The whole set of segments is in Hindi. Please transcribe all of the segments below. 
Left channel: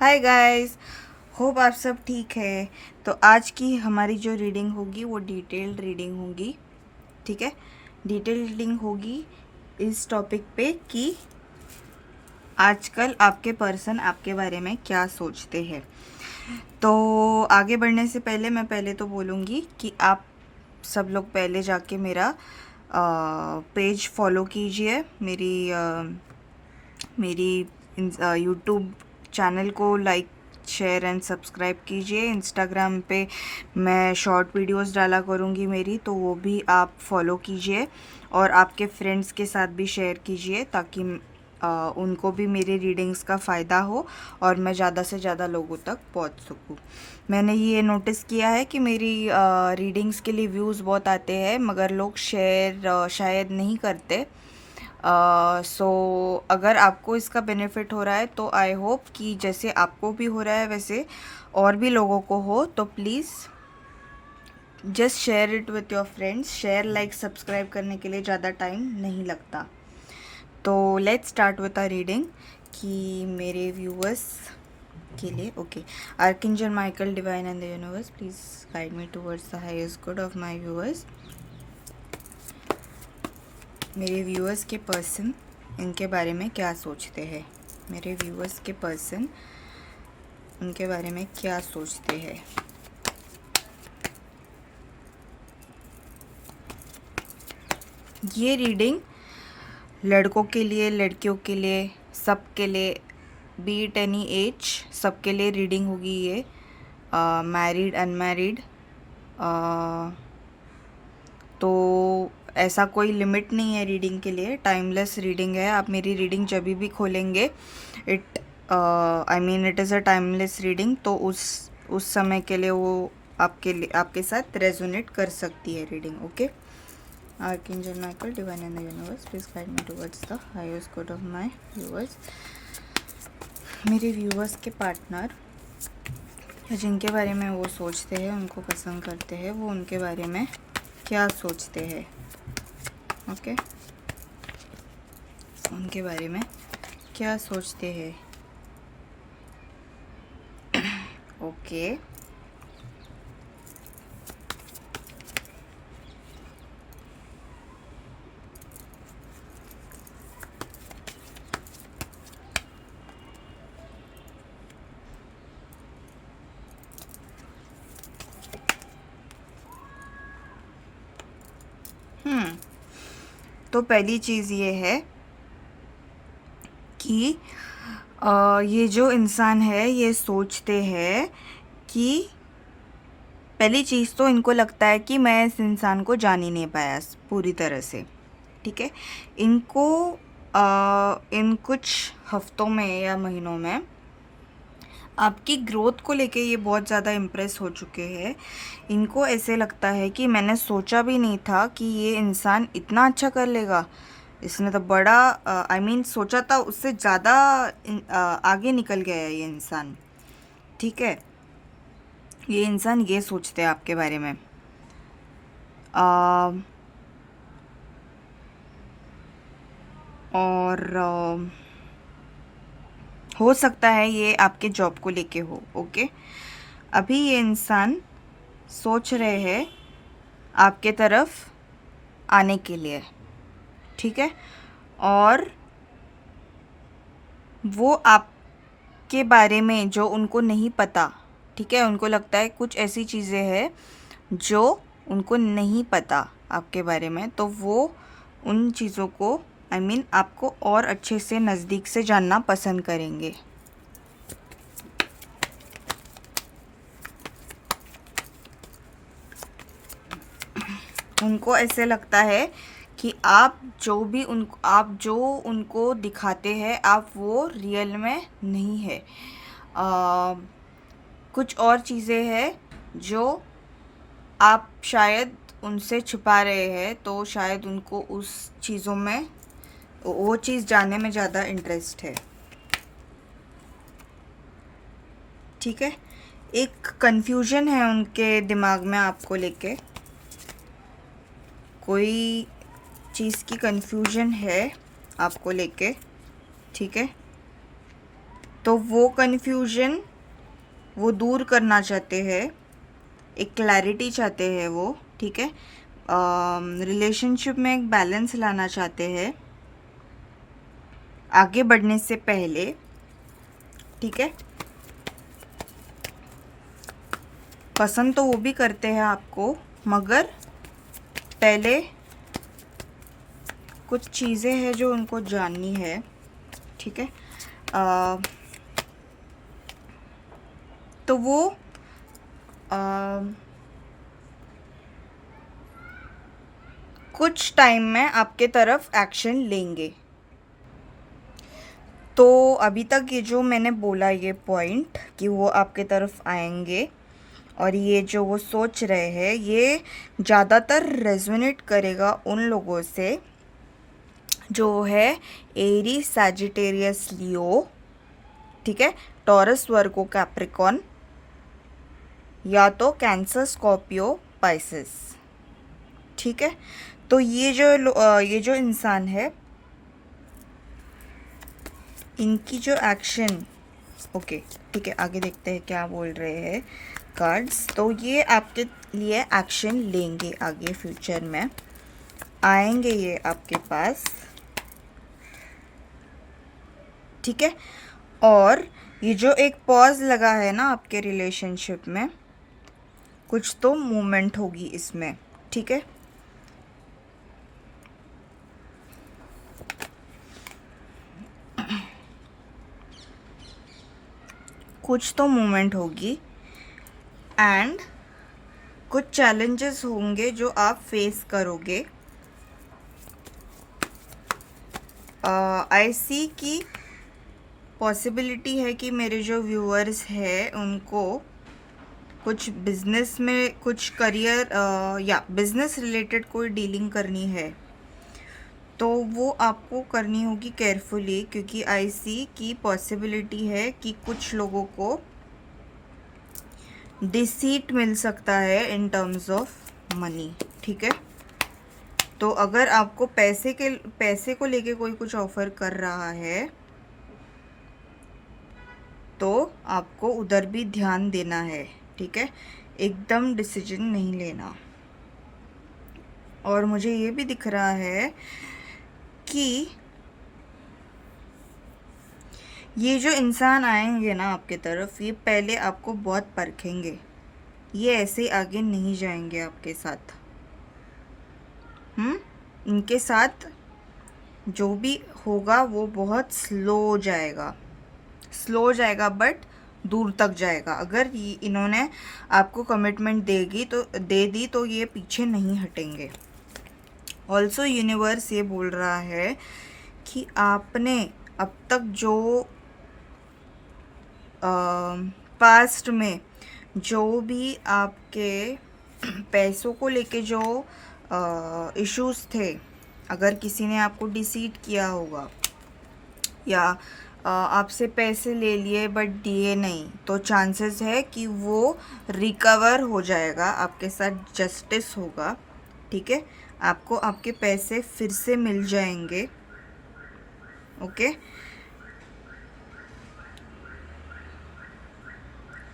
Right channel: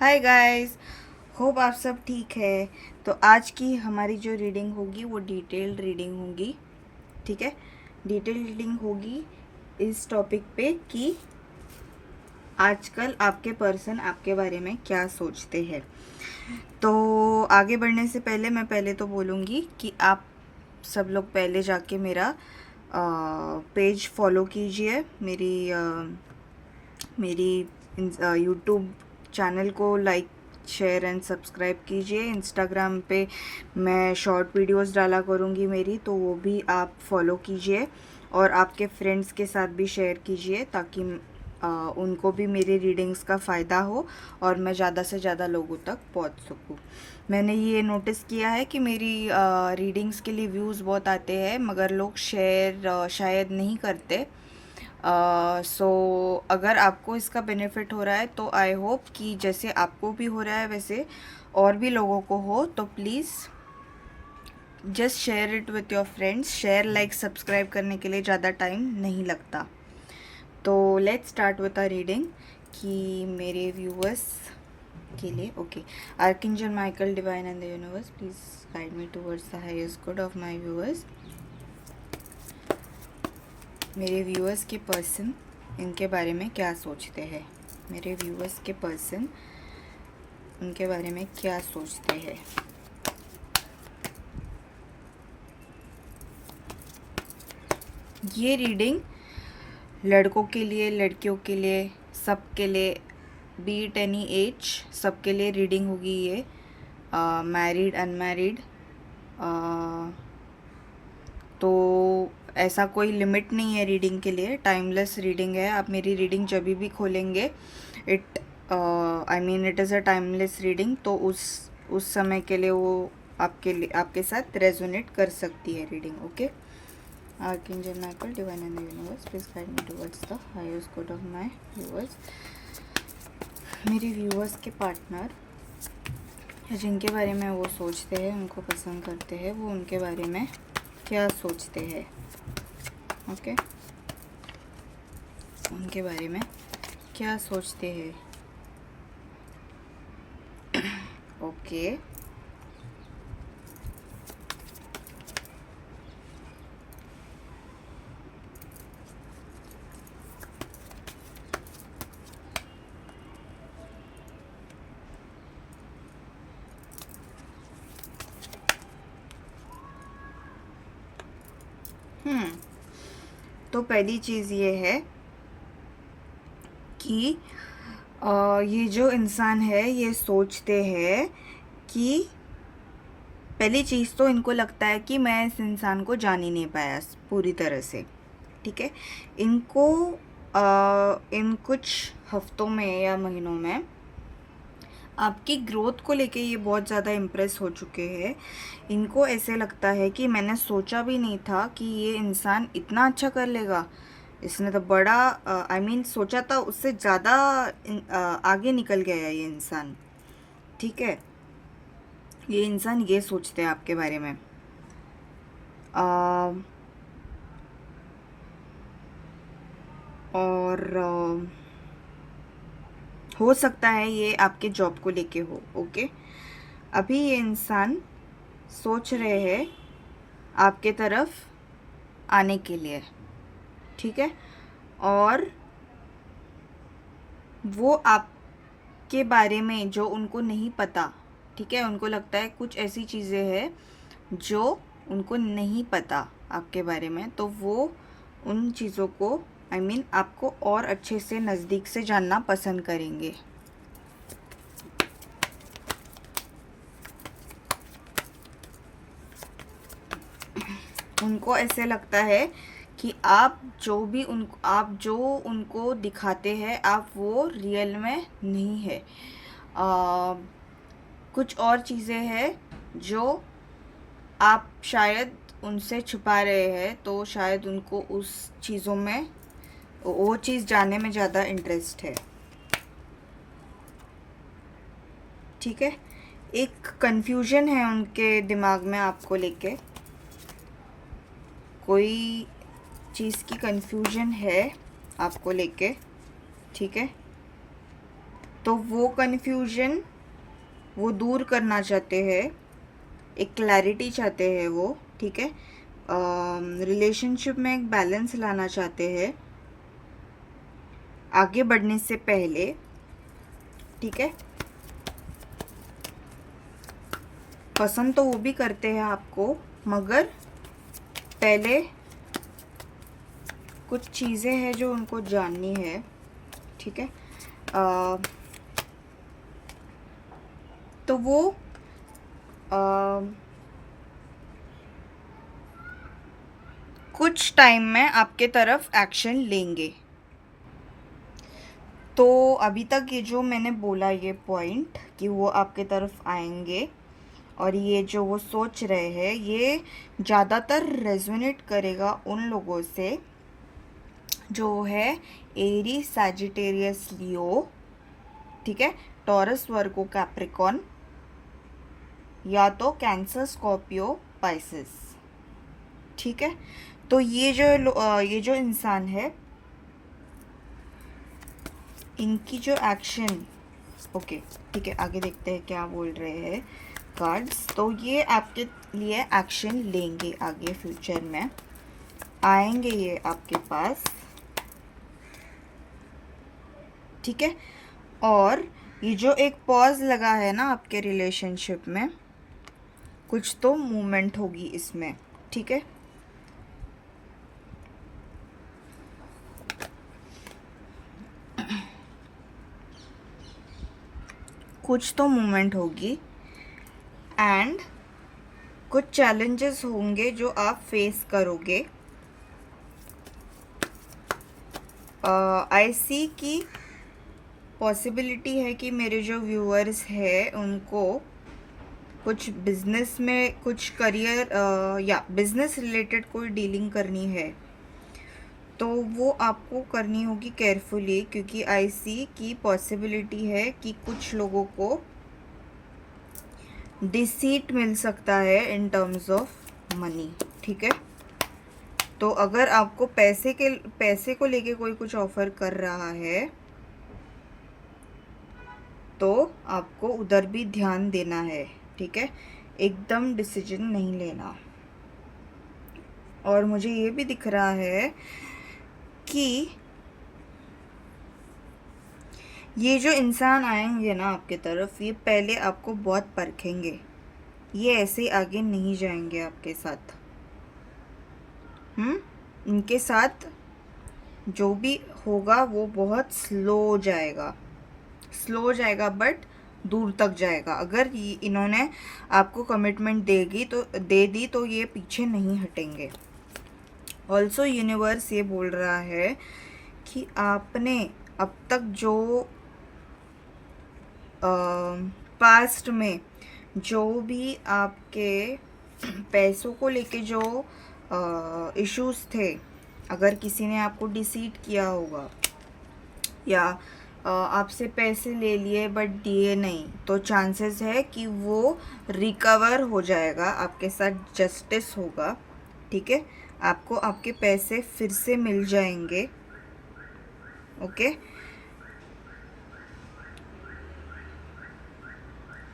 हाय गाइस, होप आप सब ठीक है। तो आज की हमारी जो रीडिंग होगी वो डिटेल्ड रीडिंग होगी। ठीक है, डिटेल्ड रीडिंग होगी इस टॉपिक पे कि आजकल आपके पर्सन आपके बारे में क्या सोचते हैं। तो आगे बढ़ने से पहले मैं पहले तो बोलूँगी कि आप सब लोग पहले जाके मेरा पेज फॉलो कीजिए, मेरी यूट्यूब चैनल को लाइक शेयर एंड सब्सक्राइब कीजिए। इंस्टाग्राम पे मैं शॉर्ट वीडियोस डाला करूँगी मेरी, तो वो भी आप फॉलो कीजिए और आपके फ्रेंड्स के साथ भी शेयर कीजिए ताकि उनको भी मेरी रीडिंग्स का फ़ायदा हो और मैं ज़्यादा से ज़्यादा लोगों तक पहुंच सकूं। मैंने ये नोटिस किया है कि मेरी रीडिंग्स के लिए व्यूज़ बहुत आते हैं मगर लोग शेयर शायद नहीं करते। सो अगर आपको इसका बेनिफिट हो रहा है तो आई होप कि जैसे आपको भी हो रहा है वैसे और भी लोगों को हो, तो please just share it with your friends. Share like subscribe करने के लिए ज़्यादा टाइम नहीं लगता। तो let's start with a reading कि मेरे व्यूअर्स के लिए। Okay, archangel Michael divine and the universe, please guide me towards the highest good of my viewers. मेरे व्यूअर्स के पर्सन इनके बारे में क्या सोचते हैं। मेरे व्यूअर्स के पर्सन उनके बारे में क्या सोचते हैं। ये रीडिंग लड़कों के लिए, लड़कियों के लिए, सबके लिए, बी इट एनी एज, सबके लिए रीडिंग होगी ये। मैरिड, अनमैरिड, तो ऐसा कोई लिमिट नहीं है रीडिंग के लिए। टाइमलेस रीडिंग है। आप मेरी रीडिंग जब भी खोलेंगे it it is a timeless reading, तो उस समय के लिए वो आपके साथ रेजोनेट कर सकती है reading. Okay, archangel Michael divine in the universe, please guide me towards the highest good of my viewers. मेरे व्यूअर्स के पार्टनर जिनके बारे में वो सोचते हैं, उनको पसंद करते हैं, वो उनके बारे में क्या सोचते हैं। ओके, उनके बारे में क्या सोचते हैं। ओके, तो पहली चीज़ ये है कि ये जो इंसान है ये सोचते हैं कि पहली चीज़ तो इनको लगता है कि मैं इस इंसान को जान ही नहीं पाया पूरी तरह से। ठीक है, इनको इन कुछ हफ्तों में या महीनों में आपकी ग्रोथ को लेके ये बहुत ज़्यादा इम्प्रेस हो चुके हैं। इनको ऐसे लगता है कि मैंने सोचा भी नहीं था कि ये इंसान इतना अच्छा कर लेगा। इसने तो बड़ा सोचा था उससे ज़्यादा आगे निकल गया है ये इंसान। ठीक है, ये इंसान ये सोचते हैं आपके बारे में। और हो सकता है ये आपके जॉब को लेके हो। ओके, अभी ये इंसान सोच रहे हैं आपके तरफ आने के लिए। ठीक है, और वो आपके बारे में जो उनको नहीं पता, ठीक है, उनको लगता है कुछ ऐसी चीज़ें हैं जो उनको नहीं पता आपके बारे में, तो वो उन चीज़ों को आपको और अच्छे से नज़दीक से जानना पसंद करेंगे। उनको ऐसे लगता है कि आप जो उनको दिखाते हैं आप वो रियल में नहीं है। कुछ और चीज़ें हैं जो आप शायद उनसे छुपा रहे हैं, तो शायद उनको उस चीज़ों में वो चीज़ जानने में ज़्यादा इंटरेस्ट है। ठीक है, एक कन्फ्यूजन है उनके दिमाग में आपको लेके, कोई चीज़ की कन्फ्यूजन है आपको लेके। ठीक है, तो वो कन्फ्यूजन वो दूर करना चाहते हैं, एक क्लैरिटी चाहते हैं वो, ठीक है। रिलेशनशिप में एक बैलेंस लाना चाहते हैं आगे बढ़ने से पहले, ठीक है। पसंद तो वो भी करते हैं आपको, मगर पहले कुछ चीज़ें हैं जो उनको जाननी है, ठीक है। तो वो कुछ टाइम में आपके तरफ एक्शन लेंगे। तो अभी तक ये जो मैंने बोला ये पॉइंट कि वो आपके तरफ आएंगे और ये जो वो सोच रहे हैं, ये ज़्यादातर रेजोनेट करेगा उन लोगों से जो है एरी, सैजिटेरियस, लियो, ठीक है, टॉरस, वर्गो, कैप्रिकॉन, या तो कैंसर, स्कॉर्पियो, पाइसेस, ठीक है। तो ये जो इंसान है, इनकी जो एक्शन, ओके ठीक है, आगे देखते हैं क्या बोल रहे हैं कार्ड्स। तो ये आपके लिए एक्शन लेंगे, आगे फ्यूचर में आएंगे ये आपके पास, ठीक है। और ये जो एक पॉज लगा है ना आपके रिलेशनशिप में, कुछ तो मूवमेंट होगी इसमें, ठीक है। कुछ तो मूवमेंट होगी एंड कुछ चैलेंजेस होंगे जो आप फेस करोगे। आई सी की पॉसिबिलिटी है कि मेरे जो व्यूअर्स हैं उनको कुछ बिजनेस में, कुछ करियर या बिजनेस रिलेटेड कोई डीलिंग करनी है, तो वो आपको करनी होगी केयरफुली, क्योंकि आई सी की पॉसिबिलिटी है कि कुछ लोगों को डिसीट मिल सकता है इन टर्म्स ऑफ मनी, ठीक है। तो अगर आपको पैसे को लेके कोई कुछ ऑफर कर रहा है तो आपको उधर भी ध्यान देना है, ठीक है, एकदम डिसीजन नहीं लेना। और मुझे ये भी दिख रहा है कि ये जो इंसान आएंगे ना आपके तरफ, ये पहले आपको बहुत परखेंगे, ये ऐसे आगे नहीं जाएंगे आपके साथ। इनके साथ जो भी होगा वो बहुत स्लो जाएगा बट दूर तक जाएगा। अगर इन्होंने आपको कमिटमेंट दे दी तो ये पीछे नहीं हटेंगे। ऑल्सो यूनिवर्स ये बोल रहा है कि आपने अब तक जो पास्ट में जो भी आपके पैसों को लेके जो इश्यूज थे, अगर किसी ने आपको डिसीट किया होगा या आपसे पैसे ले लिए बट दिए नहीं, तो चांसेस है कि वो रिकवर हो जाएगा, आपके साथ जस्टिस होगा, ठीक है। आपको आपके पैसे फिर से मिल जाएंगे, ओके।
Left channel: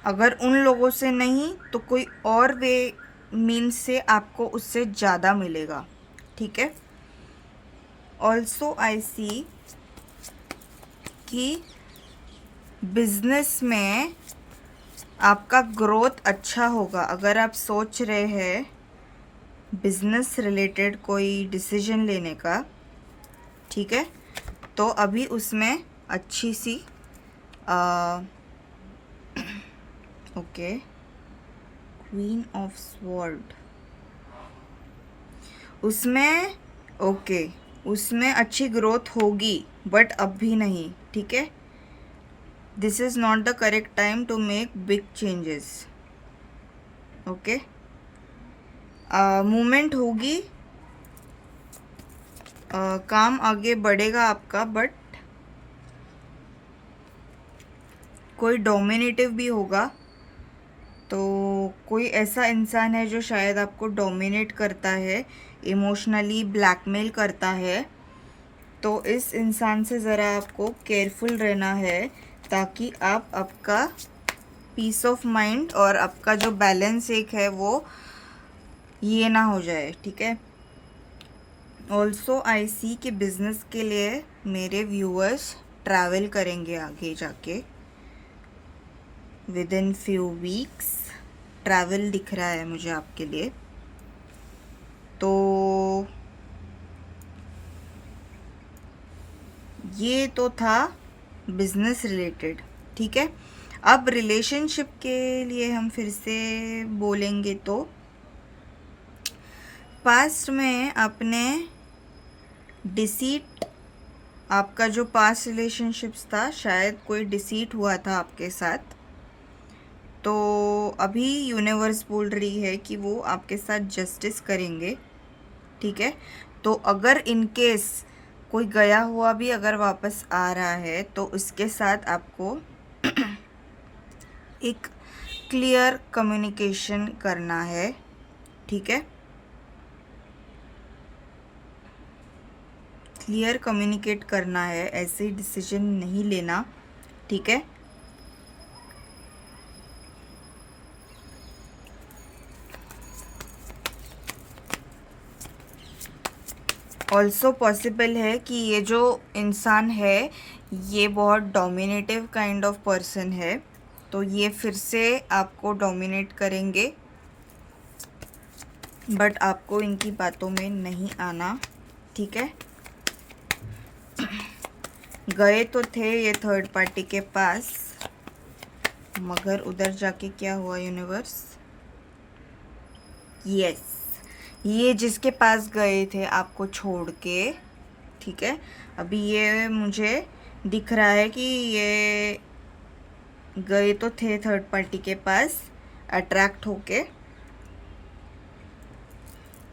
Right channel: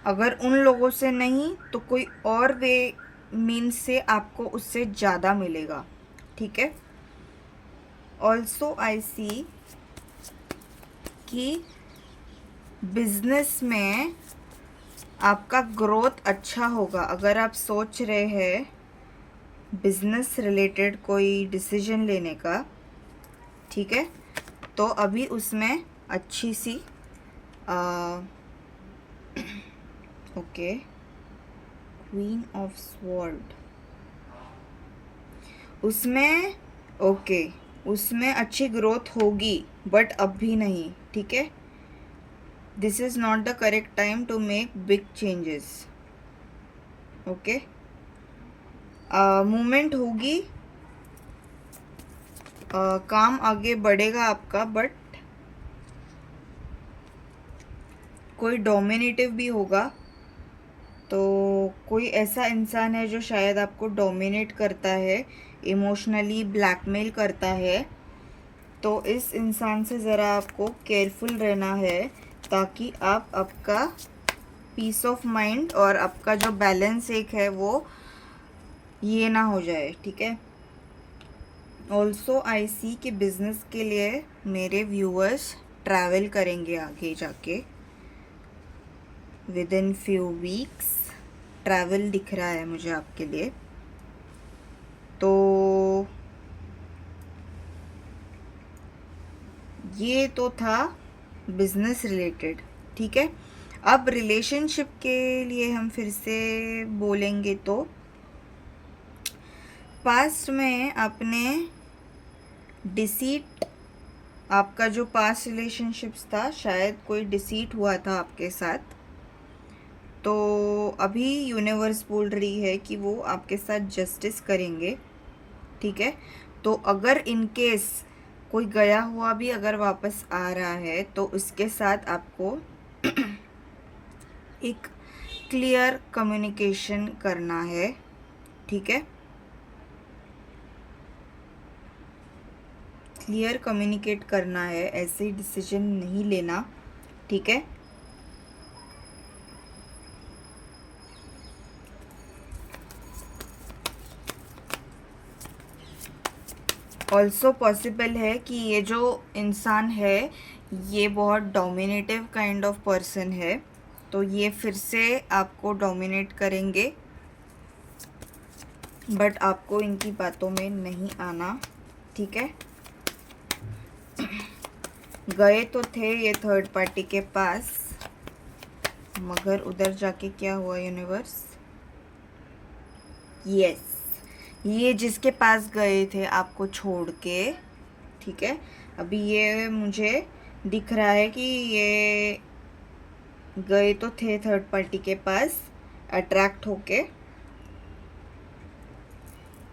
अगर उन लोगों से नहीं तो कोई और वे मीन्स से आपको उससे ज़्यादा मिलेगा, ठीक है। ऑल्सो आई सी कि बिजनेस में आपका ग्रोथ अच्छा होगा। अगर आप सोच रहे हैं बिजनेस रिलेटेड कोई डिसीजन लेने का, ठीक है, तो अभी उसमें अच्छी सी ओके, क्वीन ऑफ स्वॉर्ड, उसमें ओके, उसमें अच्छी ग्रोथ होगी बट अभी नहीं, ठीक है। This is not the correct time to make big changes, okay. Movement होगी, काम आगे बढ़ेगा आपका, बट कोई डोमिनेटिव भी होगा। तो कोई ऐसा इंसान है जो शायद आपको डोमिनेट करता है, इमोशनली ब्लैकमेल करता है, तो इस इंसान से ज़रा आपको केयरफुल रहना है। ताकि आप आपका पीस ऑफ माइंड और आपका जो बैलेंस एक है वो ये ना हो जाए, ठीक है। ऑल्सो आई सी कि बिजनेस के लिए मेरे व्यूअर्स ट्रैवल करेंगे आगे जाके, with in few weeks travel दिख रहा है मुझे आपके लिए। तो ये तो था बिजनेस रिलेटेड, ठीक है। अब रिलेशनशिप के लिए हम फिर से बोलेंगे तो पास्ट में आपने डिसीट, आपका जो पास्ट रिलेशनशिप्स था शायद कोई डिसीट हुआ था आपके साथ, तो अभी यूनिवर्स बोल रही है कि वो आपके साथ जस्टिस करेंगे, ठीक है। तो अगर इन केस कोई गया हुआ भी अगर वापस आ रहा है तो उसके साथ आपको एक क्लियर कम्युनिकेशन करना है, ठीक है। क्लियर कम्युनिकेट करना है, ऐसे डिसीजन नहीं लेना, ठीक है। ऑल्सो पॉसिबल है कि ये जो इंसान है ये बहुत डोमिनेटिव काइंड ऑफ पर्सन है, तो ये फिर से आपको डोमिनेट करेंगे, बट आपको इनकी बातों में नहीं आना, ठीक है। गए तो थे ये थर्ड पार्टी के पास, मगर उधर जाके क्या हुआ यूनिवर्स, यस, ये जिसके पास गए थे आपको छोड़ के, ठीक है, अभी ये मुझे दिख रहा है कि ये गए तो थे थर्ड पार्टी के पास अट्रैक्ट होके,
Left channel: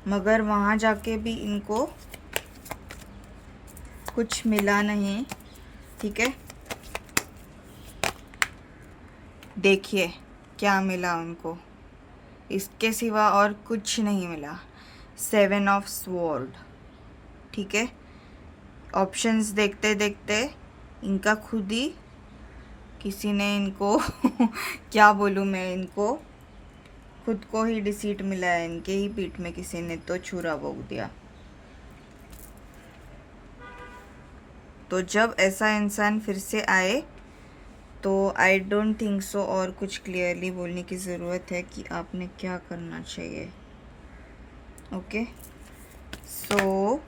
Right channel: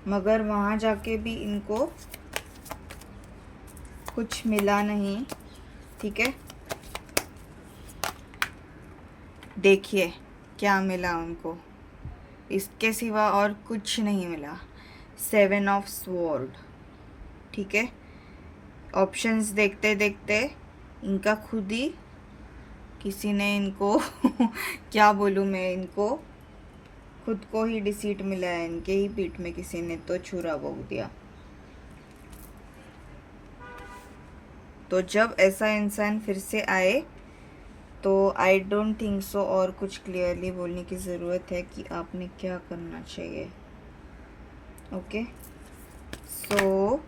मगर वहाँ जाके भी इनको कुछ मिला नहीं, ठीक है। देखिए क्या मिला उनको, इसके सिवा और कुछ नहीं मिला, 7 ऑफ स्वॉर्ड, ठीक है। ऑप्शंस देखते देखते इनका खुद ही किसी ने इनको क्या बोलूँ मैं, इनको खुद को ही डिसीट मिला है, इनके ही पीठ में किसी ने तो छुरा भोंक दिया। तो जब ऐसा इंसान फिर से आए तो आई डोंट थिंक सो और कुछ क्लियरली बोलने की ज़रूरत है कि आपने क्या करना चाहिए, ओके। सो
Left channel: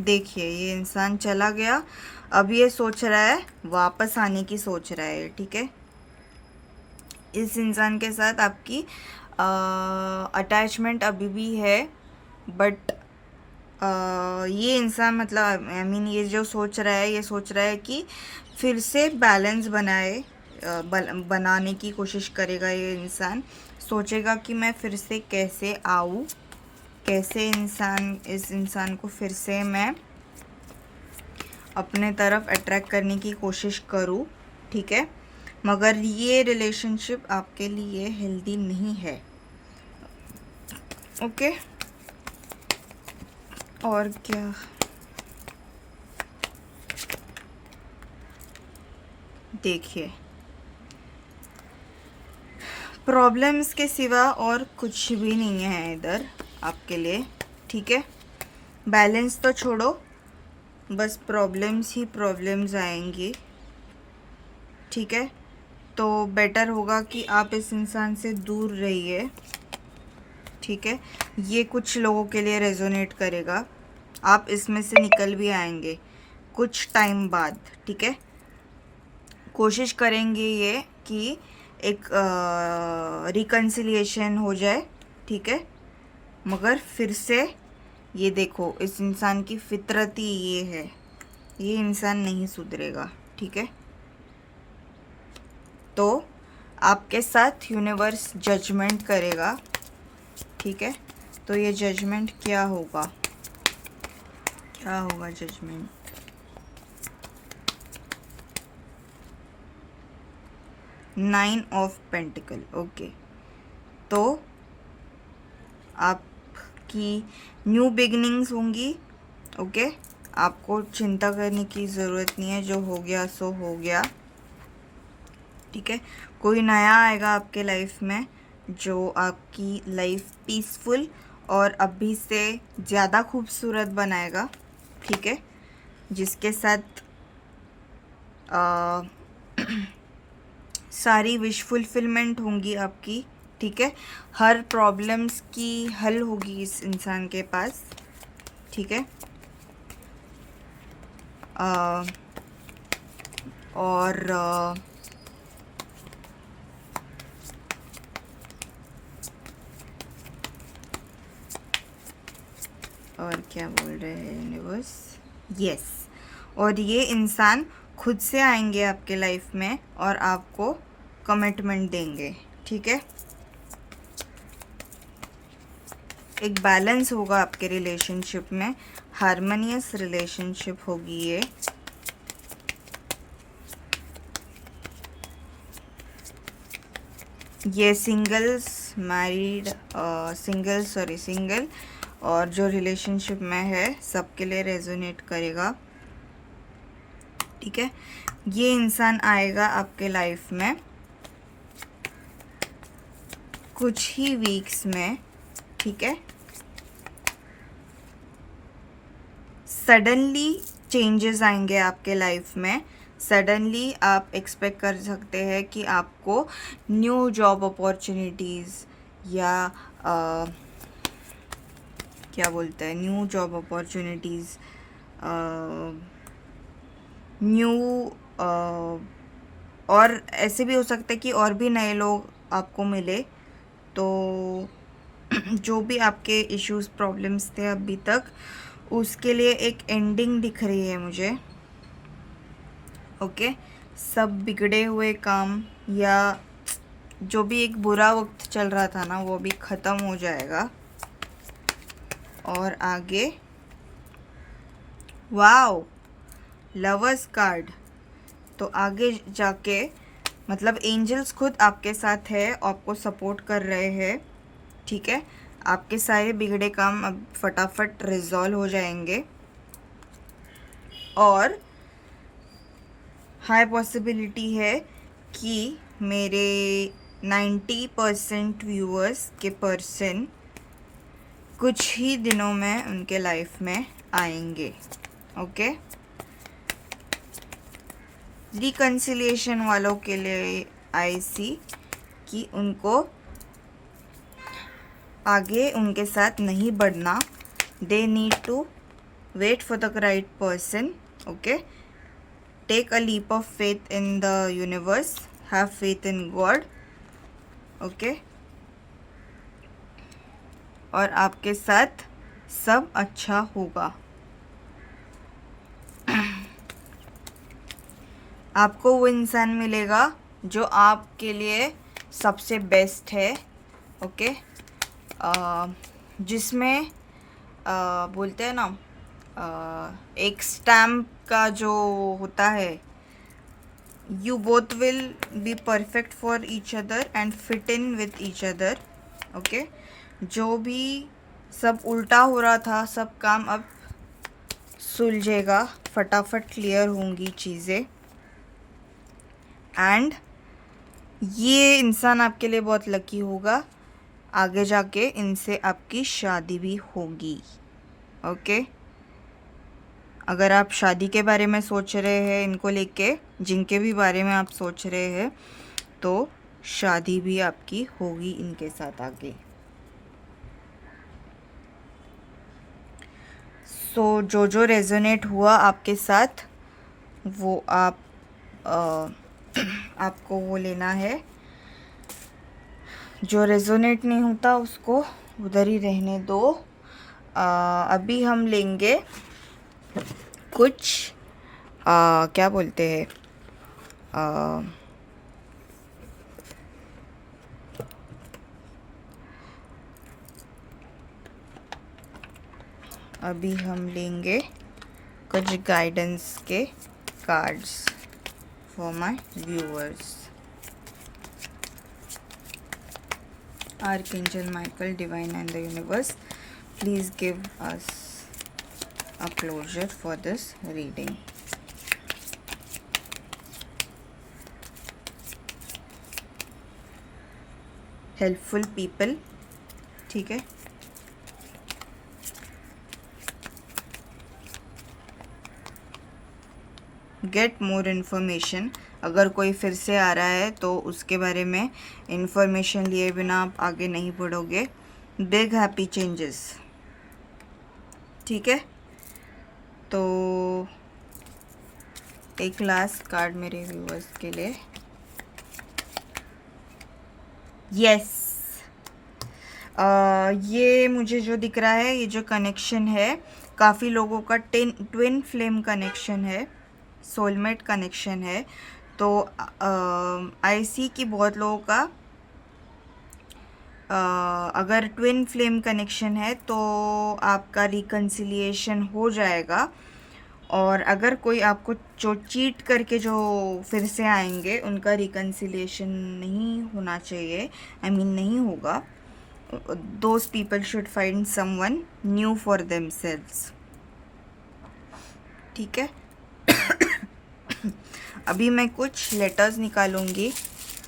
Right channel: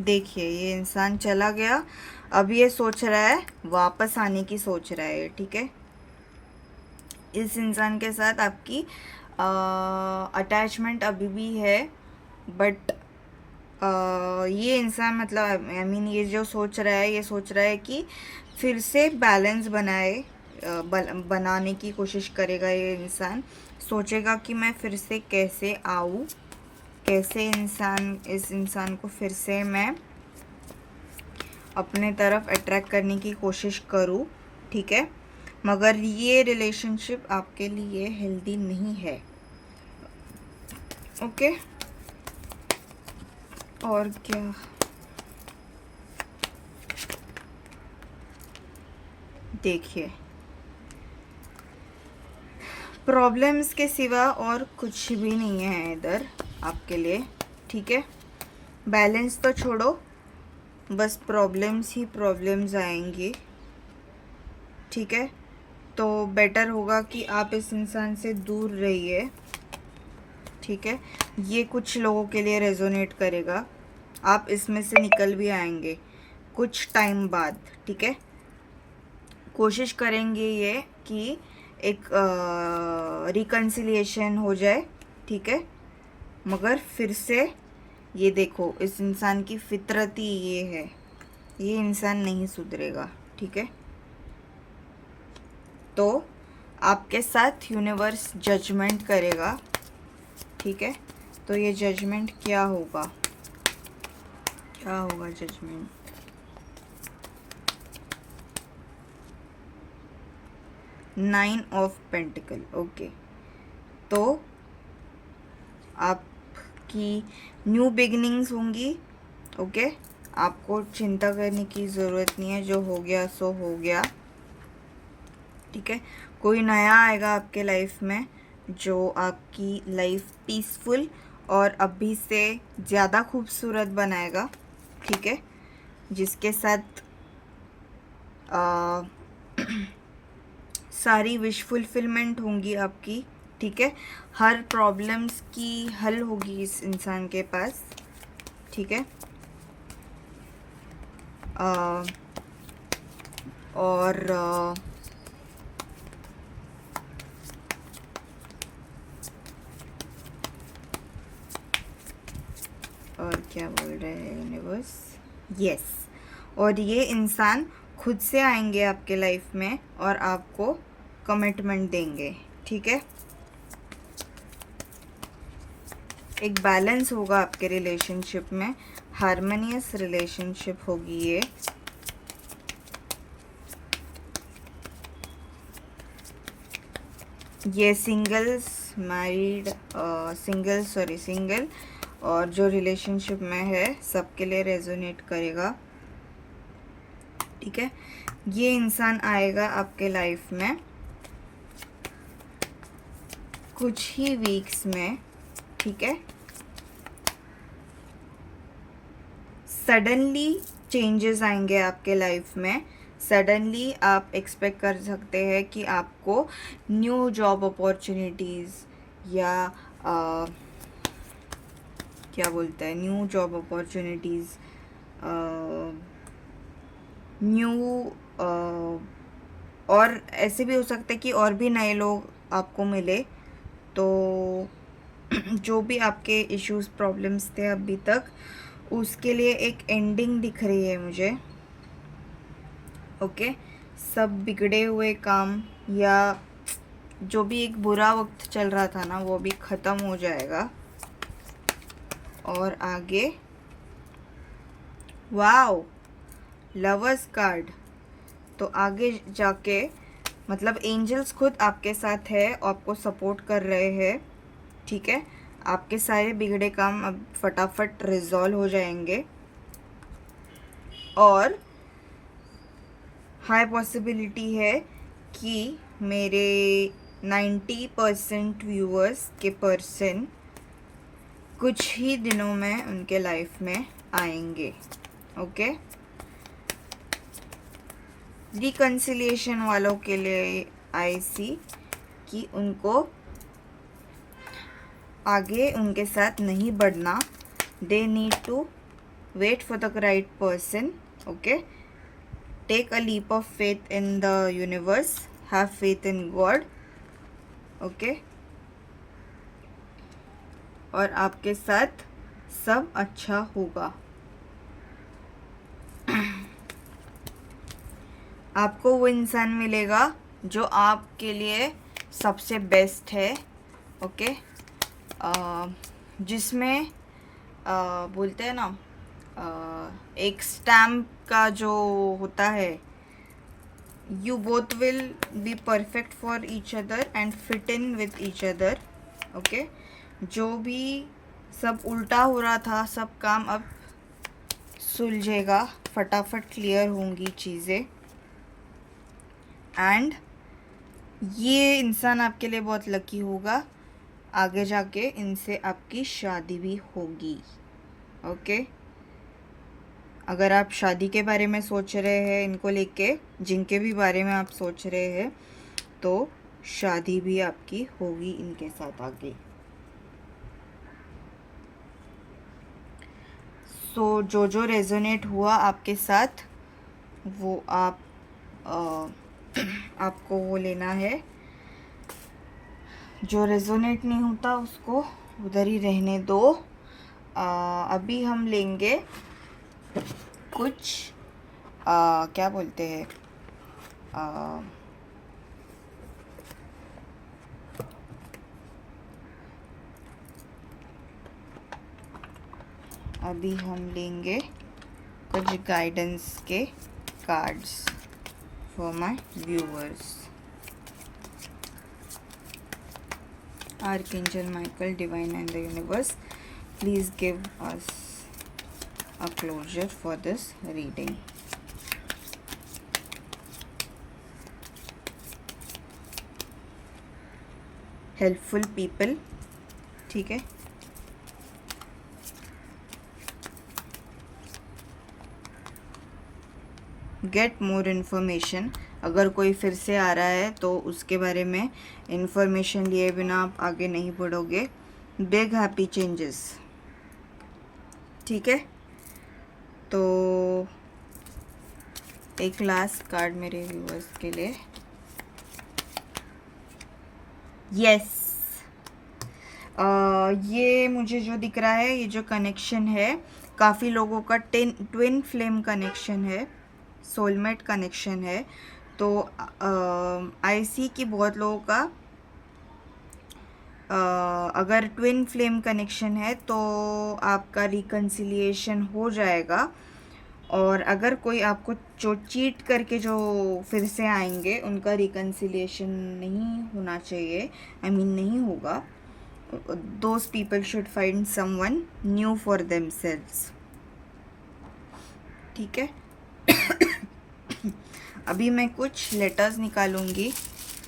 देखिए ये इंसान चला गया, अब ये सोच रहा है वापस आने की सोच रहा है, ठीक है। इस इंसान के साथ आपकी अटैचमेंट अभी भी है, बट ये इंसान मतलब आई मीन ये जो सोच रहा है, ये सोच रहा है कि फिर से बैलेंस बनाने की कोशिश करेगा। ये इंसान सोचेगा कि मैं फिर से कैसे आऊँ, कैसे इस इंसान को फिर से मैं अपने तरफ अट्रैक्ट करने की कोशिश करूँ, ठीक है। मगर ये रिलेशनशिप आपके लिए हेल्दी नहीं है, ओके। और क्या, देखिए प्रॉब्लम्स के सिवा और कुछ भी नहीं है इधर आपके लिए, ठीक है। बैलेंस तो छोड़ो, बस प्रॉब्लम्स ही प्रॉब्लम्स आएंगी, ठीक है। तो बेटर होगा कि आप इस इंसान से दूर रहिए, ठीक है। ये कुछ लोगों के लिए रेजोनेट करेगा, आप इसमें से निकल भी आएंगे कुछ टाइम बाद, ठीक है। कोशिश करेंगे ये कि एक रिकन्सिलिएशन हो जाए, ठीक है। मगर फिर से ये देखो इस इंसान की फितरत ही ये है, ये इंसान नहीं सुधरेगा, ठीक है। तो आपके साथ यूनिवर्स जजमेंट करेगा, ठीक है। तो ये जजमेंट क्या होगा, क्या होगा judgement, nine of pentacle, okay. तो आपकी न्यू बिगनिंग्स होंगी, ओके। आपको चिंता करने की ज़रूरत नहीं है, जो हो गया सो हो गया, ठीक है। कोई नया आएगा आपके लाइफ में जो आपकी लाइफ पीसफुल और अभी से ज़्यादा खूबसूरत बनाएगा, ठीक है, जिसके साथ सारी विश फुलफिलमेंट होंगी आपकी, ठीक है। हर प्रॉब्लम्स की हल होगी इस इंसान के पास, ठीक है। और क्या बोल रहे हैं यूनिवर्स, यस। और ये इंसान खुद से आएंगे आपके लाइफ में और आपको कमिटमेंट देंगे, ठीक है। एक बैलेंस होगा आपके रिलेशनशिप में, हार्मोनियस रिलेशनशिप होगी ये सिंगल्स, मैरिड, सिंगल और जो रिलेशनशिप में है सबके लिए रेजोनेट करेगा, ठीक है। ये इंसान आएगा आपके लाइफ में कुछ ही वीक्स में, ठीक है। सडनली चेंजेस आएंगे आपके लाइफ में। सडनली आप एक्सपेक्ट कर सकते हैं कि आपको न्यू जॉब अपॉर्चुनिटीज़ या क्या बोलते हैं, न्यू जॉब अपॉर्चुनिटीज़, न्यू और ऐसे भी हो सकता है कि और भी नए लोग आपको मिले। तो जो भी आपके इश्यूज प्रॉब्लम्स थे अभी तक, उसके लिए एक एंडिंग दिख रही है मुझे, ओके। सब बिगड़े हुए काम या जो भी एक बुरा वक्त चल रहा था ना, वो भी ख़त्म हो जाएगा। और आगे वाओ, लवर्स कार्ड। तो आगे जाके मतलब एंजल्स खुद आपके साथ है, आपको सपोर्ट कर रहे हैं, ठीक है। आपके सारे बिगड़े काम अब फटाफट रिजॉल्व हो जाएंगे और हाई पॉसिबिलिटी है कि मेरे 90% व्यूअर्स के पर्सन कुछ ही दिनों में उनके लाइफ में आएंगे, ओके। रिकन्सिलिएशन वालों के लिए आई सी कि उनको आगे उनके साथ नहीं बढ़ना, they need to wait for the right person, okay. Take a leap of faith in the universe, have faith in God, okay. और आपके साथ सब अच्छा होगा। आपको वो इंसान मिलेगा जो आपके लिए सबसे बेस्ट है, ओके। जिसमें बोलते हैं ना, एक स्टैम्प का जो होता है, you both will be perfect for each other and fit in with each other, okay. जो भी सब उल्टा हो रहा था, सब काम अब सुलझेगा, फटाफट क्लियर होंगी चीज़ें। एंड ये इंसान आपके लिए बहुत लकी होगा, आगे जाके इनसे आपकी शादी भी होगी, ओके। अगर आप शादी के बारे में सोच रहे हैं इनको लेके, जिनके भी बारे में आप सोच रहे हैं, तो शादी भी आपकी होगी इनके साथ आगे। सो जो रेजोनेट हुआ आपके साथ वो आप आपको वो लेना है। जो रेजोनेट नहीं होता उसको उधर ही रहने दो। अभी हम लेंगे कुछ क्या बोलते हैं, अभी हम लेंगे कुछ गाइडेंस के cards for my viewers. Archangel Michael, Divine and the Universe, please give us a closure for this reading. Helpful people, ठीक है। गेट मोर इन्फॉर्मेशन, अगर कोई फिर से आ रहा है तो उसके बारे में इन्फॉर्मेशन लिए बिना आप आगे नहीं बढ़ोगे। बिग हैप्पी चेंजेस, ठीक है। तो एक लास्ट कार्ड मेरे व्यूअर्स के लिए। यस, ये मुझे जो दिख रहा है, ये जो कनेक्शन है काफ़ी लोगों का ट्विन फ्लेम कनेक्शन है, सोलमेट कनेक्शन है। तो आई सी कि बहुत लोगों का अगर ट्विन फ्लेम कनेक्शन है तो आपका रिकन्सिलिएशन हो जाएगा। और अगर कोई आपको जो चीट करके जो फिर से आएंगे उनका रिकन्सिलिएशन नहीं होना चाहिए, आई मीन नहीं होगा। Those people should find someone new for themselves, ठीक है। अभी मैं कुछ लेटर्स निकालूंगी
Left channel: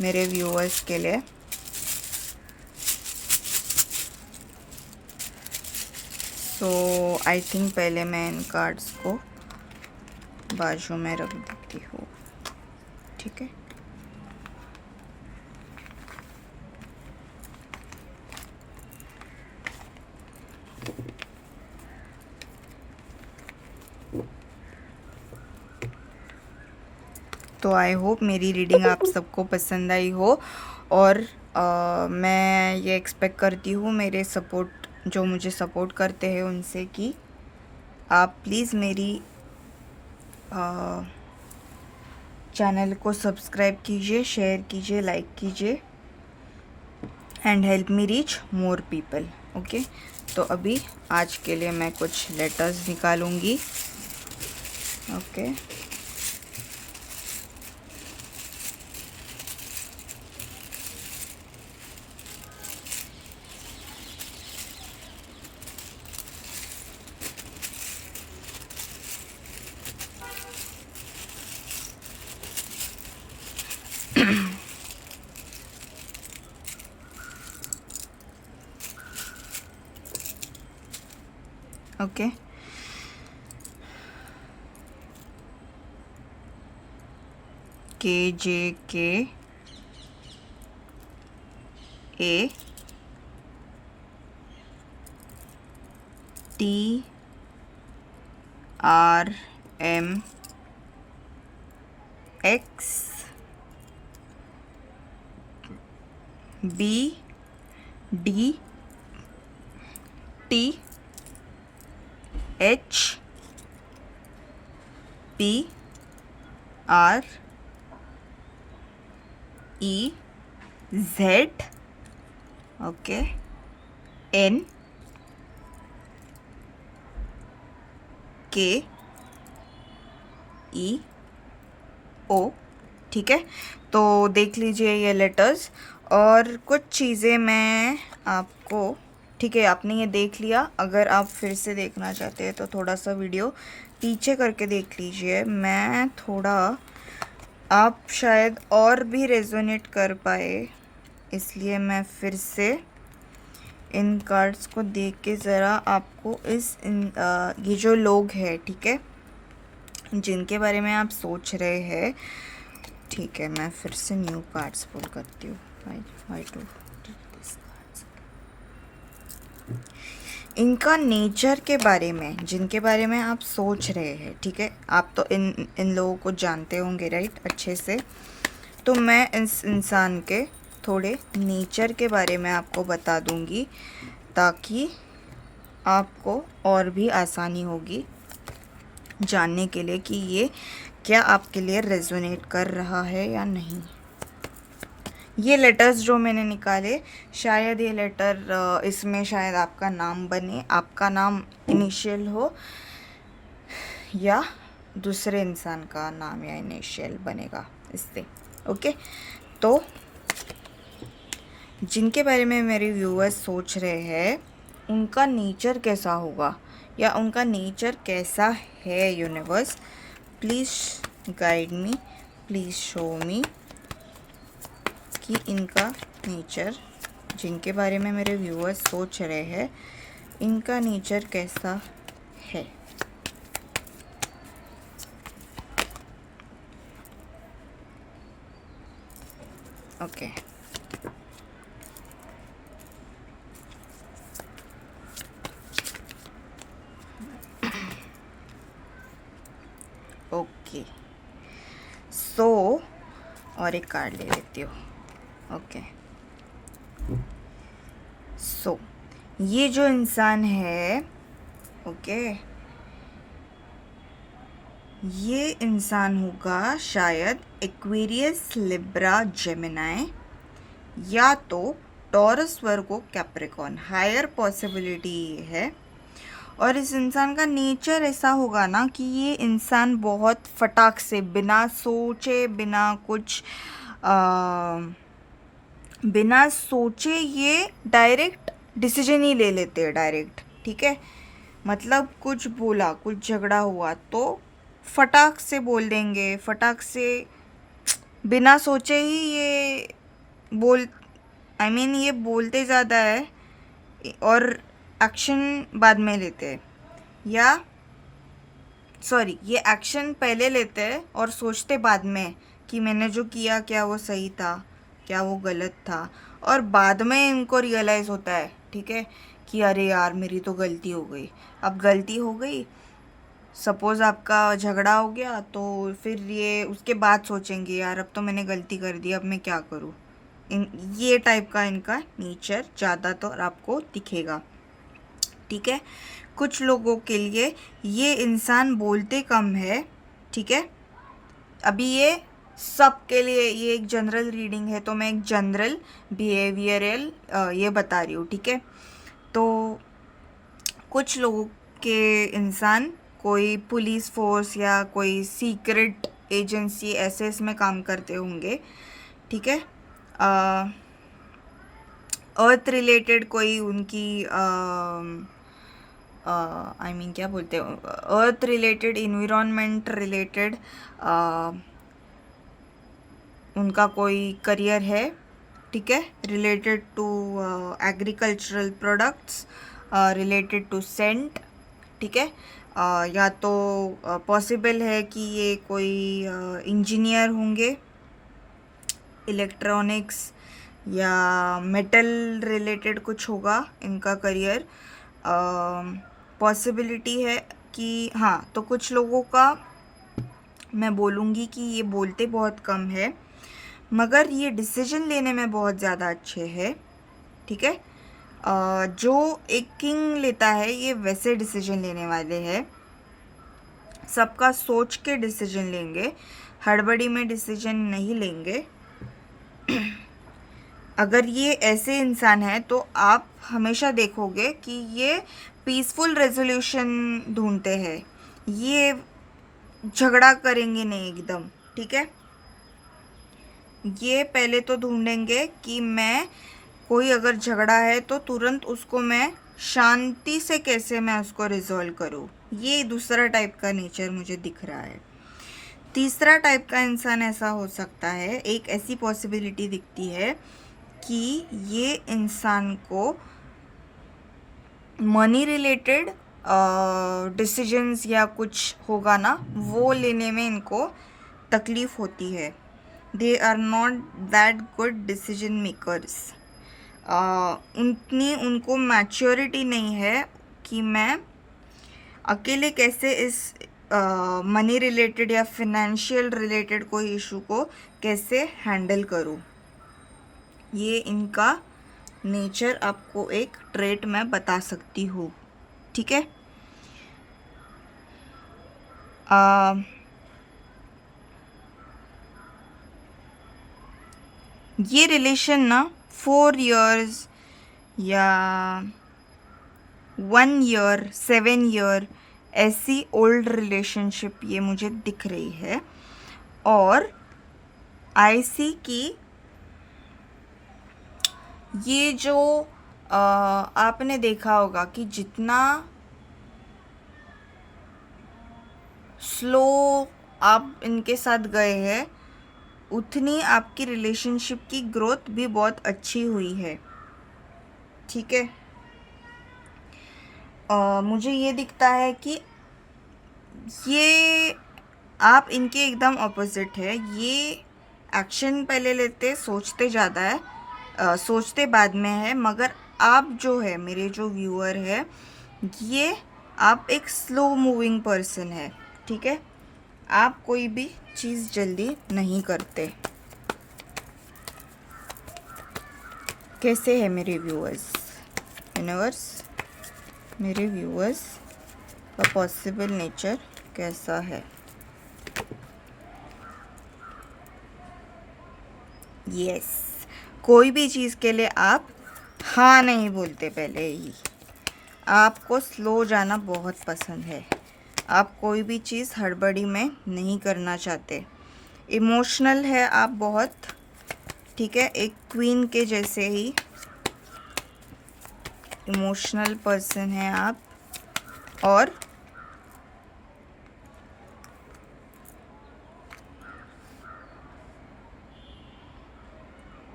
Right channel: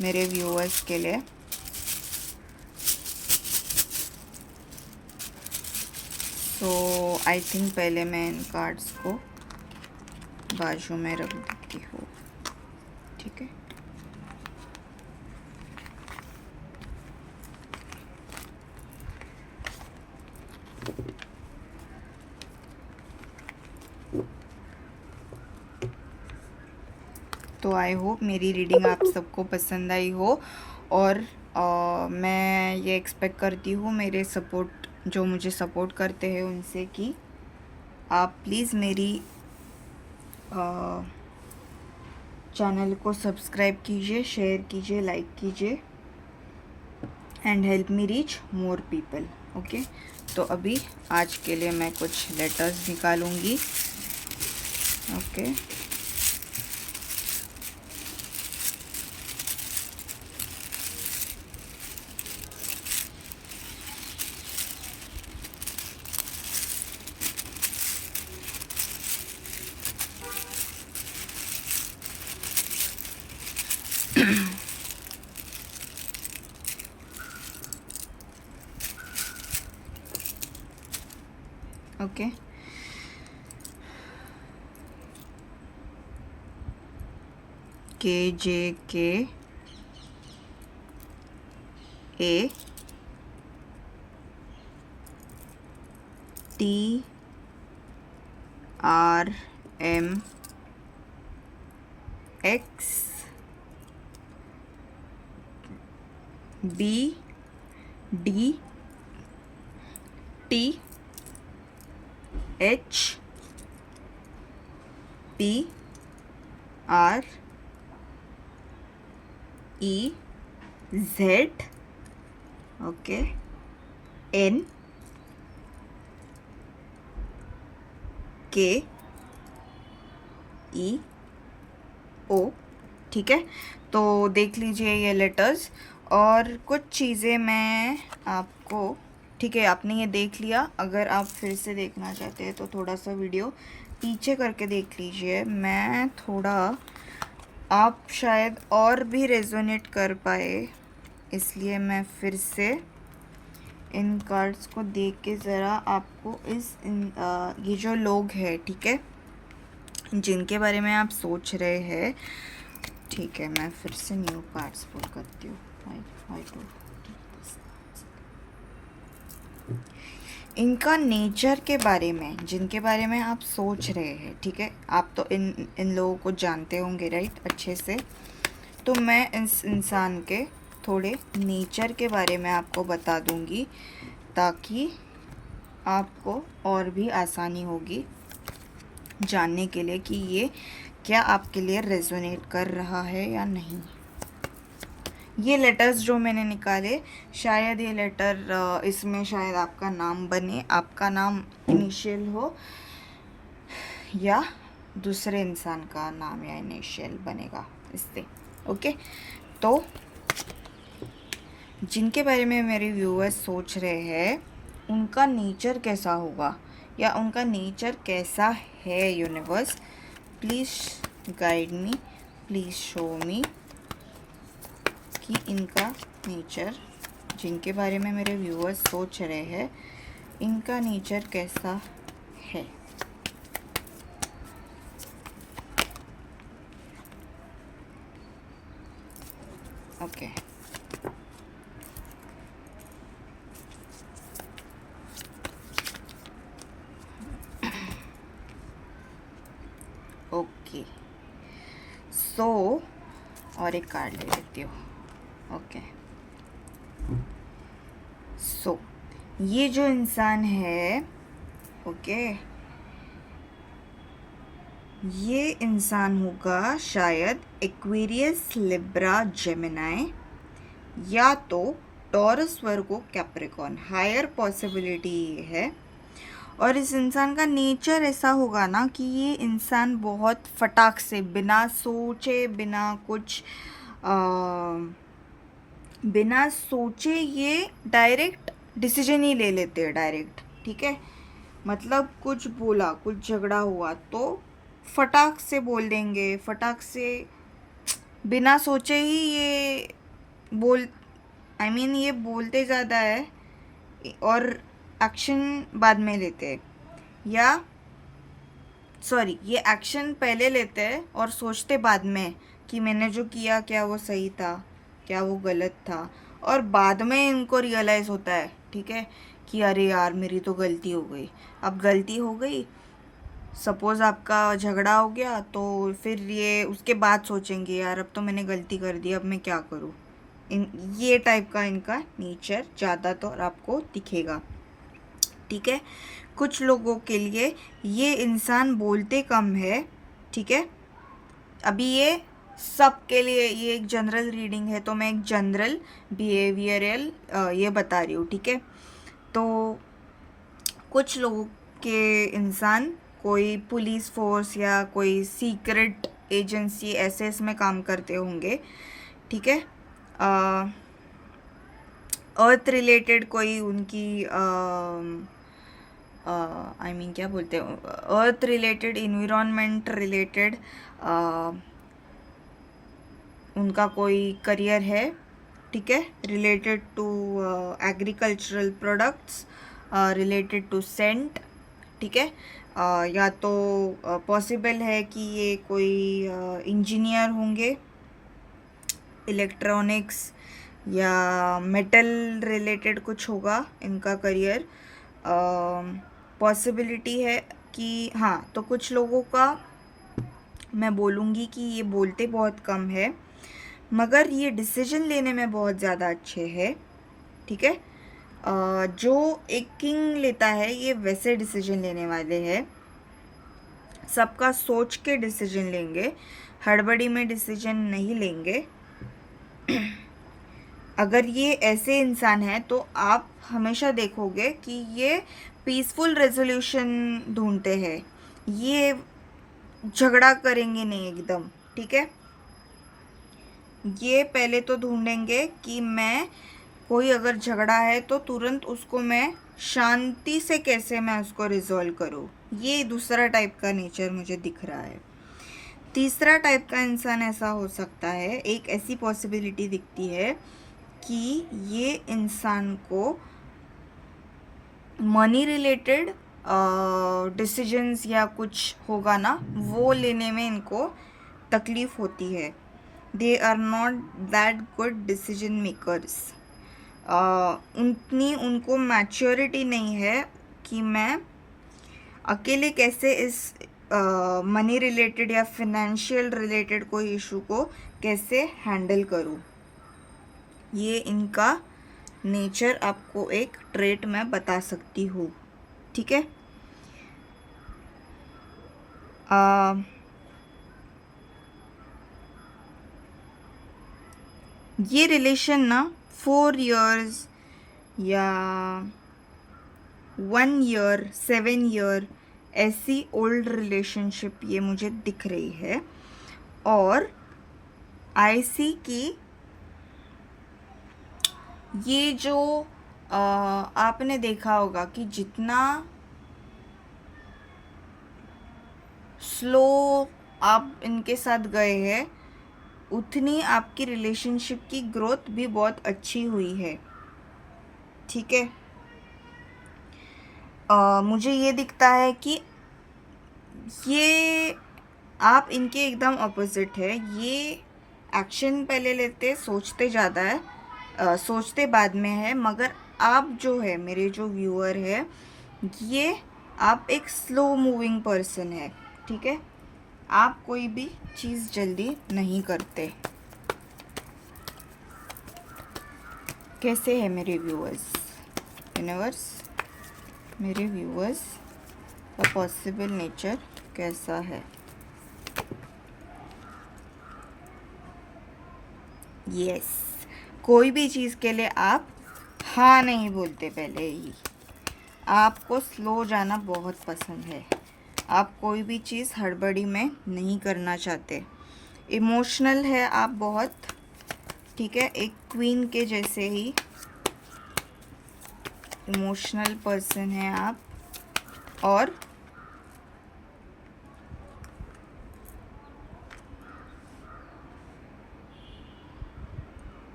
मेरे व्यूअर्स के लिए। सो आई थिंक पहले मैं इन कार्ड्स को बाजू में रख देती हूँ, ठीक है। तो आई होप मेरी रीडिंग आप सबको पसंद आई हो, और मैं ये एक्सपेक्ट करती हूँ मेरे सपोर्ट, जो मुझे सपोर्ट करते हैं उनसे, कि आप प्लीज़ मेरी चैनल को सब्सक्राइब कीजिए, शेयर कीजिए, लाइक कीजिए, and help me reach more people, okay. तो अभी आज के लिए मैं कुछ लेटर्स निकालूंगी, okay. Okay, KJK A TRM X BD THPREZ, okay, NKEO, ठीक है। तो देख लीजिए ये लेटर्स, और कुछ चीज़ें मैं आपको, ठीक है, आपने ये देख लिया। अगर आप फिर से देखना चाहते हैं तो थोड़ा सा वीडियो पीछे करके देख लीजिए। मैं थोड़ा, आप शायद और भी रेजोनेट कर पाए, इसलिए मैं फिर से इन कार्ड्स को देख के ज़रा आपको ये जो लोग हैं, ठीक है, जिनके बारे में आप सोच रहे हैं, ठीक है, मैं फिर से न्यू कार्ड्स पुल करती हूँ। इनका नेचर के बारे में, जिनके बारे में आप सोच रहे हैं, ठीक है, आप तो इन लोगों को जानते होंगे, राइट, अच्छे से। तो मैं इस इंसान के थोड़े नेचर के बारे में आपको बता दूंगी, ताकि आपको और भी आसानी होगी जानने के लिए कि ये क्या आपके लिए रेजोनेट कर रहा है या नहीं। ये लेटर्स जो मैंने निकाले, शायद ये लेटर, इसमें शायद आपका नाम बने, आपका नाम इनिशियल हो, या दूसरे इंसान का नाम या इनिशियल बनेगा इससे, ओके। तो जिनके बारे में मेरे व्यूअर्स सोच रहे हैं, उनका नेचर कैसा होगा, या उनका नेचर कैसा है, universe please guide me, please show मी कि इनका नेचर जिनके बारे में मेरे व्यूअर्स सोच रहे हैं, इनका नेचर कैसा है। ओके ओके सो और एक कार्ड ले लेती हूँ। ओके सो ये जो इंसान है, ओके, ये इंसान होगा शायद एक्वेरियस, लिब्रा, जेमिनाई, या तो टॉरस, वर्गो, कैप्रिकॉर्न। हायर पॉसिबिलिटी है। और इस इंसान का नेचर ऐसा होगा ना कि ये इंसान बहुत फटाक से, बिना सोचे, बिना सोचे ये डायरेक्ट डिसीजन ही ले लेते हैं, डायरेक्ट। ठीक है, मतलब कुछ बोला, कुछ झगड़ा हुआ तो फटाक से बोल देंगे, फटाक से बिना सोचे ही ये ये बोलते ज़्यादा है और एक्शन बाद में लेते हैं। या सॉरी, ये एक्शन पहले लेते हैं और सोचते बाद में कि मैंने जो किया क्या वो सही था, क्या वो गलत था, और बाद में इनको रियलाइज़ होता है, ठीक है, कि अरे यार मेरी तो गलती हो गई। अब गलती हो गई, सपोज़ आपका झगड़ा हो गया, तो फिर ये उसके बाद सोचेंगे यार अब तो मैंने गलती कर दी, अब मैं क्या करूँ। ये टाइप का इनका नेचर ज़्यादातर आपको दिखेगा। ठीक है, कुछ लोगों के लिए ये इंसान बोलते कम है। ठीक है, अभी ये सब के लिए ये एक जनरल रीडिंग है, तो मैं एक जनरल बिहेवियरल ये बता रही हूँ। ठीक है, तो कुछ लोगों के इंसान कोई पुलिस फोर्स या कोई सीक्रेट एजेंसी ऐसे इसमें काम करते होंगे। ठीक है, अर्थ रिलेटेड कोई उनकी क्या बोलते हैं, अर्थ रिलेटेड, इन्वायरमेंट रिलेटेड उनका कोई करियर है। ठीक है, related to agricultural products, related to scent. ठीक है, या तो पॉसिबल है कि ये कोई इंजीनियर होंगे, इलेक्ट्रॉनिक्स या मेटल रिलेटेड कुछ होगा इनका करियर। पॉसिबिलिटी है कि हाँ, तो कुछ लोगों का मैं बोलूँगी कि ये बोलते बहुत कम है, मगर ये डिसीजन लेने में बहुत ज़्यादा अच्छे हैं। ठीक है, जो एक किंग लेता है ये वैसे डिसीजन लेने वाले हैं, सबका सोच के डिसीजन लेंगे, हड़बड़ी में डिसीजन नहीं लेंगे। अगर ये ऐसे इंसान है तो आप हमेशा देखोगे कि ये पीसफुल रेजोल्यूशन ढूंढते हैं, ये झगड़ा करेंगे नहीं एकदम। ठीक है, ये पहले तो ढूंढेंगे कि मैं कोई अगर झगड़ा है तो तुरंत उसको मैं शांति से कैसे मैं उसको रिजॉल्व करूँ। ये दूसरा टाइप का नेचर मुझे दिख रहा है। तीसरा टाइप का इंसान ऐसा हो सकता है, एक ऐसी पॉसिबिलिटी दिखती है कि ये इंसान को मनी रिलेटेड डिसीजंस या कुछ होगा ना, वो लेने में इनको तकलीफ़ होती है। They are not that good decision makers. उनको मैच्योरिटी नहीं है कि मैं अकेले कैसे इस मनी रिलेटेड या फिनेंशियल रिलेटेड कोई इशू को कैसे हैंडल करूँ। ये इनका नेचर आपको एक ट्रेट मैं बता सकती हूँ। ठीक है, ये रिलेशन ना 4 years या 1 year, 7 year ऐसी ओल्ड रिलेशनशिप ये मुझे दिख रही है। और आई सी की ये जो आपने देखा होगा कि जितना स्लो आप इनके साथ गए हैं, उतनी आपकी रिलेशनशिप की ग्रोथ भी बहुत अच्छी हुई है। ठीक है। मुझे ये दिखता है कि ये आप इनके एकदम ऑपोजिट है। ये एक्शन पहले लेते, सोचते ज़्यादा है, सोचते बाद में है। मगर आप जो है, मेरे जो व्यूअर है, ये आप एक स्लो मूविंग पर्सन है। ठीक है, आप कोई भी चीज़ जल्दी नहीं करते। कैसे है मेरे यूनिवर्स, मेरे व्यूअर्स का पॉसिबल नेचर कैसा है? यस, कोई भी चीज़ के लिए आप हाँ नहीं बोलते पहले ही। आपको स्लो जाना बहुत पसंद है। आप कोई भी चीज़ हड़बड़ी में नहीं करना चाहते। इमोशनल है आप बहुत। ठीक है, एक क्वीन के जैसे ही इमोशनल पर्सन है आप। और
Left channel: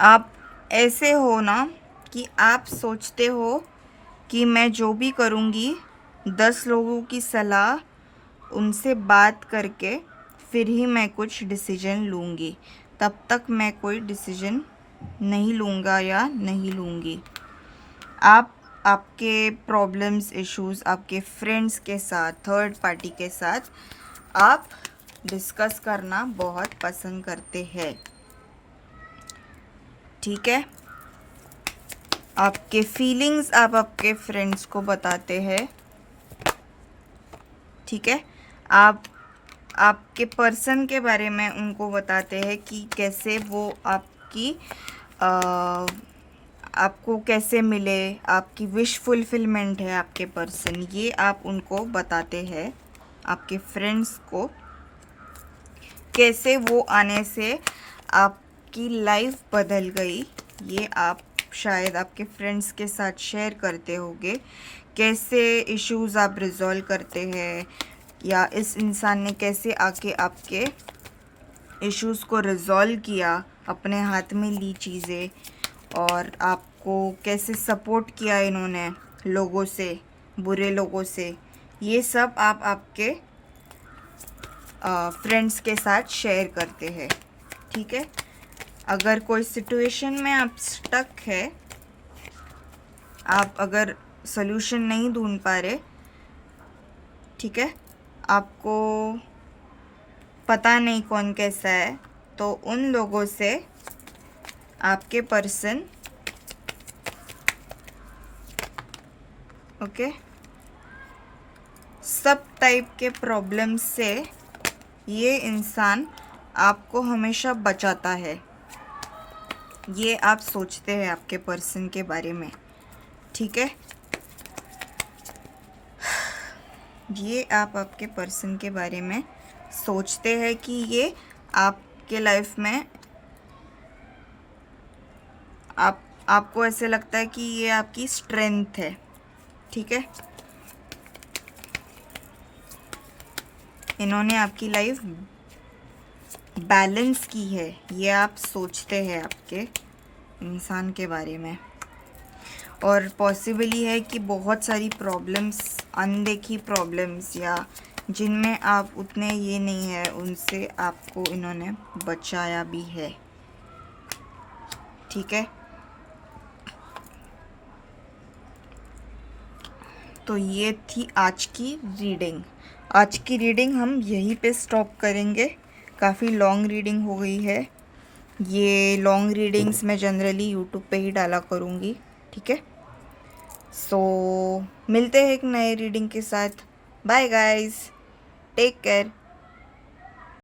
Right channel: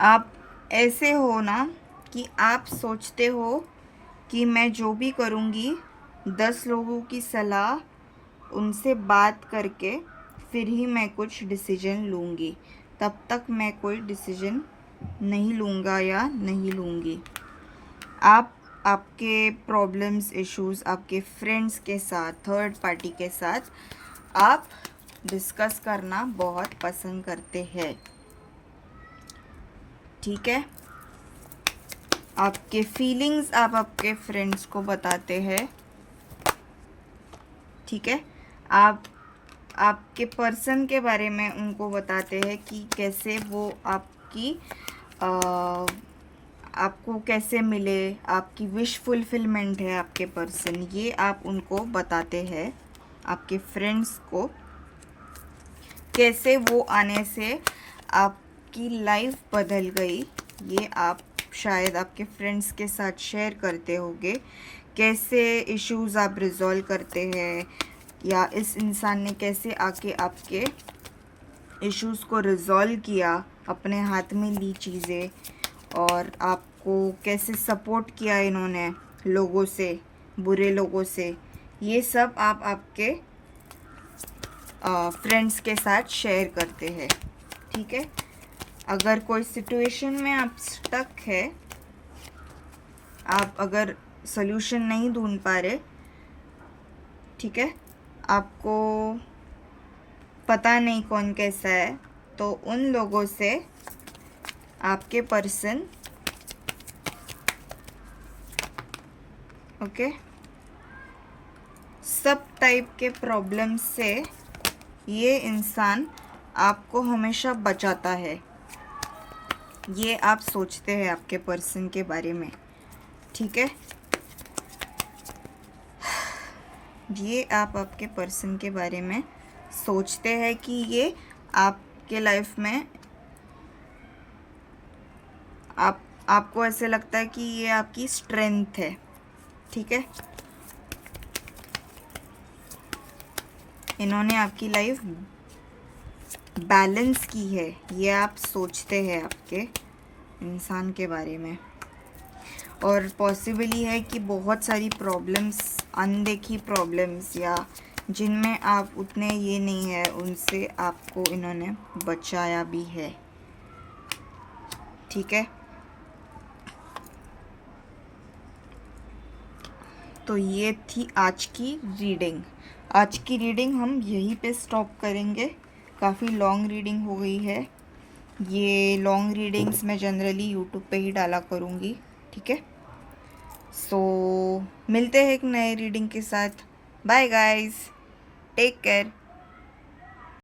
आप ऐसे हो ना कि आप सोचते हो कि मैं जो भी करूँगी 10 लोगों की सलाह, उनसे बात करके फिर ही मैं कुछ डिसीजन लूँगी। तब तक मैं कोई डिसीजन नहीं लूँगा या नहीं लूँगी। आप आपके प्रॉब्लम्स, इश्यूज़ आपके फ्रेंड्स के साथ, थर्ड पार्टी के साथ आप डिस्कस करना बहुत पसंद करते हैं। ठीक है, आपके फीलिंग्स आप आपके फ्रेंड्स को बताते हैं। ठीक है, आप आपके पर्सन के बारे में उनको बताते हैं कि कैसे वो आपको कैसे मिले, आपकी विश फुलफिलमेंट है आपके पर्सन, ये आप उनको बताते हैं। आपके फ्रेंड्स को कैसे वो आने से आपकी लाइफ बदल गई, ये आप शायद आपके फ्रेंड्स के साथ शेयर करते होंगे। कैसे इश्यूज़ आप रिजॉल्व करते हैं, या इस इंसान ने कैसे आके आपके इश्यूज़ को रिजॉल्व किया, अपने हाथ में ली चीज़ें, और आपको कैसे सपोर्ट किया इन्होंने लोगों से, बुरे लोगों से। ये सब आप आपके फ्रेंड्स के साथ शेयर करते हैं। ठीक है, अगर कोई सिचुएशन में आप स्टक है, आप अगर सॉल्यूशन नहीं ढूंढ पा रहे, ठीक है, आपको पता नहीं कौन कैसा है, तो उन लोगों से आपके पर्सन ओके सब टाइप के प्रॉब्लम से ये इंसान आपको हमेशा बचाता है। ये आप सोचते हैं आपके पर्सन के बारे में। ठीक है, ये आप आपके पर्सन के बारे में सोचते हैं कि ये आपके लाइफ में आपको ऐसे लगता है कि ये आपकी स्ट्रेंथ है। ठीक है, इन्होंने आपकी लाइफ बैलेंस की है, ये आप सोचते हैं आपके इंसान के बारे में। और पॉसिबली है कि बहुत सारी प्रॉब्लम्स, अनदेखी प्रॉब्लम्स, या जिनमें आप उतने ये नहीं है, उनसे आपको इन्होंने बचाया भी है। ठीक है, तो ये थी आज की रीडिंग। आज की रीडिंग हम यहीं पे स्टॉप करेंगे। काफ़ी लॉन्ग रीडिंग हो गई है। ये लॉन्ग रीडिंग्स मैं जनरली यूट्यूब पे ही डाला करूँगी। ठीक है, सो मिलते हैं एक नए रीडिंग के साथ। Bye guys, take care.